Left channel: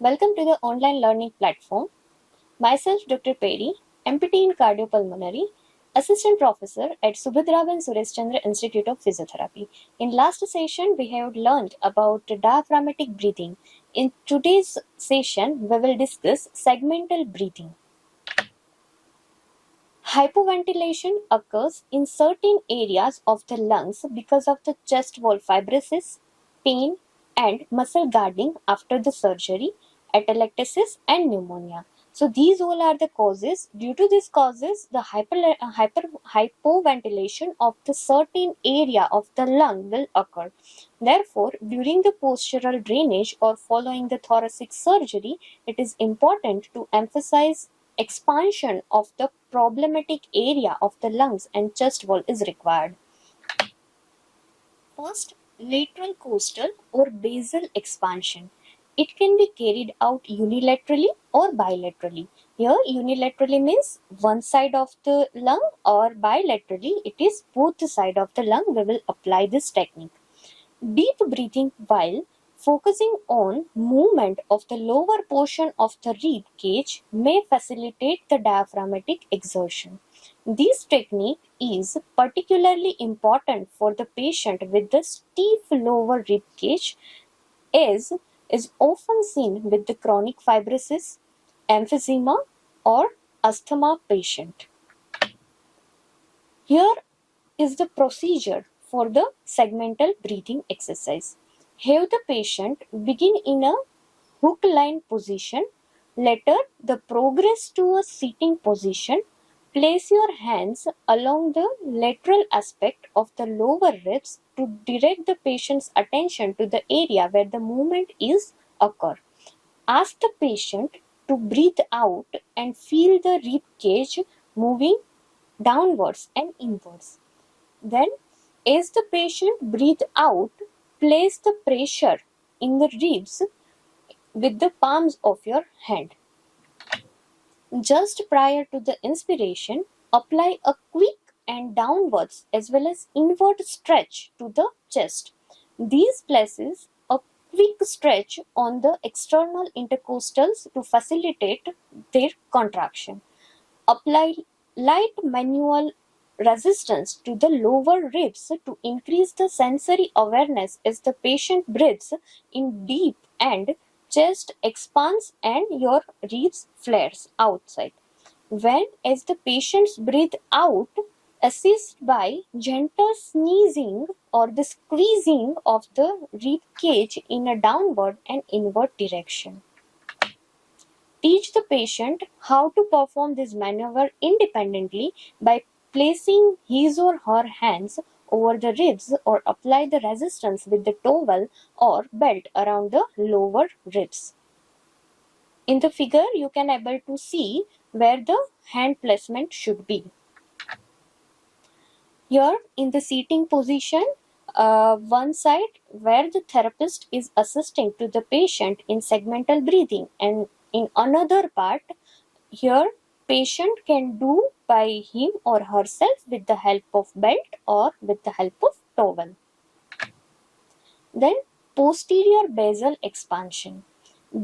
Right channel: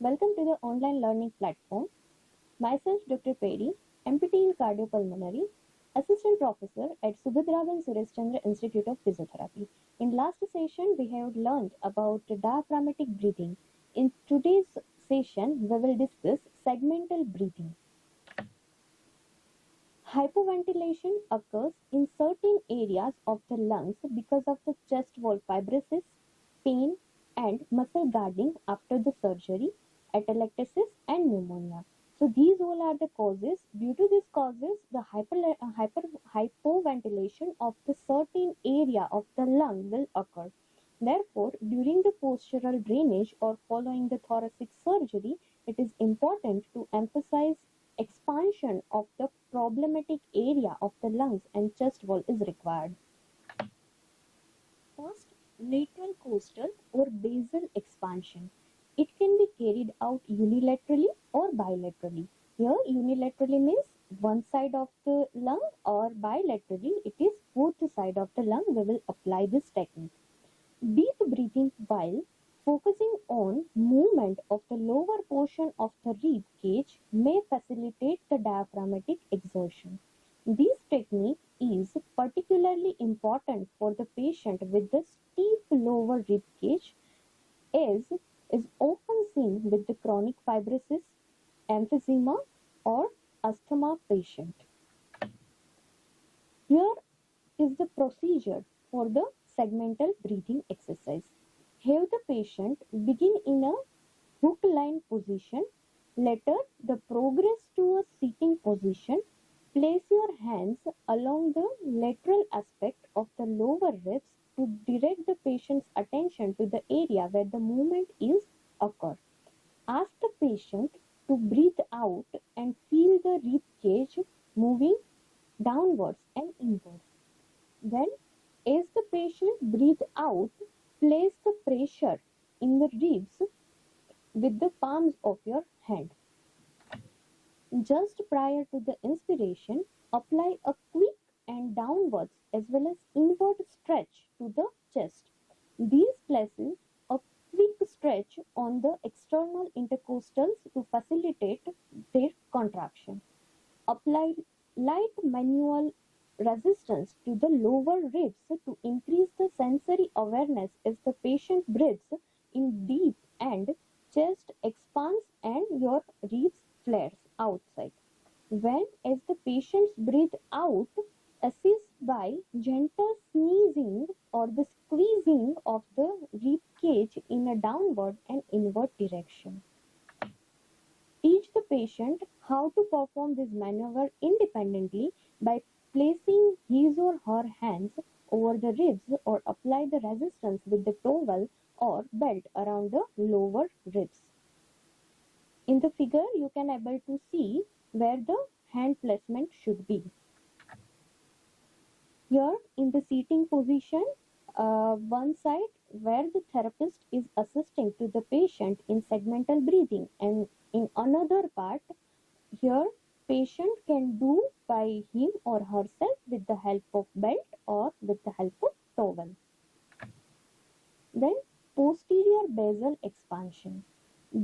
Welcome to the online learning platform. Myself, Dr. Peri, MPT in Cardiopulmonary, Assistant Professor at Subhadravan Suresh Chandra Institute of Physiotherapy. In last session, we have learned about diaphragmatic breathing. In today's session, we will discuss segmental breathing. Hypoventilation occurs in certain areas of the lungs because of the chest wall fibrosis, pain, and muscle guarding after the surgery, atelectasis, and pneumonia. So these all are the causes. Due to these causes, the hypoventilation of the certain area of the lung will occur. Therefore, during the postural drainage or following the thoracic surgery, it is important to emphasize expansion of the problematic area of the lungs and chest wall is required. First, lateral costal or basal expansion. It can be carried out unilaterally or bilaterally. Here, unilaterally means one side of the lung, or bilaterally it is both the side of the lung. We will apply this technique. Deep breathing while focusing on movement of the lower portion of the rib cage may facilitate the diaphragmatic exertion. This technique is particularly important for the patient with the stiff lower rib cage, as is often seen with the chronic fibrosis, emphysema, or asthma patient. Here is the procedure for the segmental breathing exercise. Have the patient begin in a hook line position. Later, the progress to a sitting position. Place your hands along the lateral aspect of the lower ribs to direct the patient's attention to the area where the movement is occur. Ask the patient to breathe out and feel the rib cage moving downwards and inwards. Then, as the patient breathes out, place the pressure in the ribs with the palms of your hand. Just prior to the inspiration, apply a quick and downwards as well as inward stretch to the chest. These places a quick stretch on the external intercostals to facilitate their contraction. Apply light manual resistance to the lower ribs to increase the sensory awareness as the patient breathes in deep and chest expands and your ribs flares outside. When as the patients breathe out, assist by gentle sneezing or the squeezing of the rib cage in a downward and inward direction. Teach the patient how to perform this maneuver independently by placing his or her hands over the ribs or apply the resistance with the towel or belt around the lower ribs. In the figure, you can able to see where the hand placement should be. Here in the seating position, one side where the therapist is assisting to the patient in segmental breathing, and in another part, here patient can do by him or herself with the help of belt or with the help of towel. Then posterior basal expansion.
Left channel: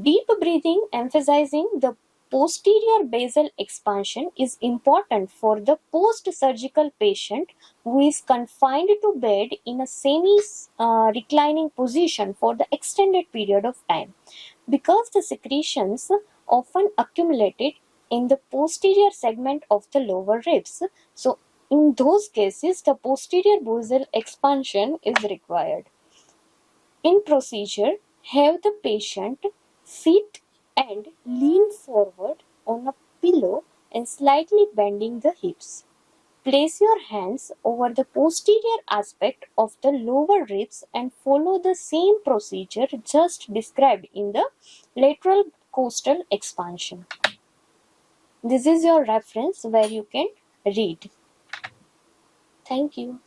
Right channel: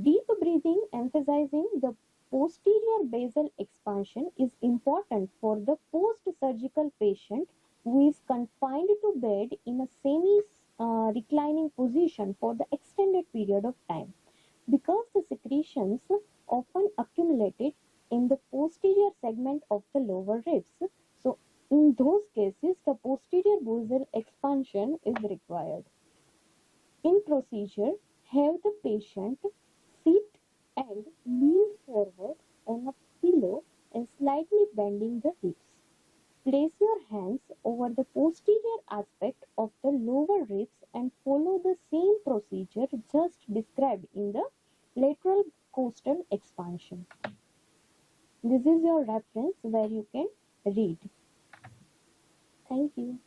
Deep breathing emphasizing the posterior basal expansion is important for the post-surgical patient who is confined to bed in a semi-reclining position for the extended period of time, because the secretions often accumulated in the posterior segment of the lower ribs. So in those cases, the posterior basal expansion is required. In procedure, have the patient sit and lean forward on a pillow and slightly bending the hips. Place your hands over the posterior aspect of the lower ribs and follow the same procedure just described in the lateral costal expansion. This is your reference where you can read. Thank you.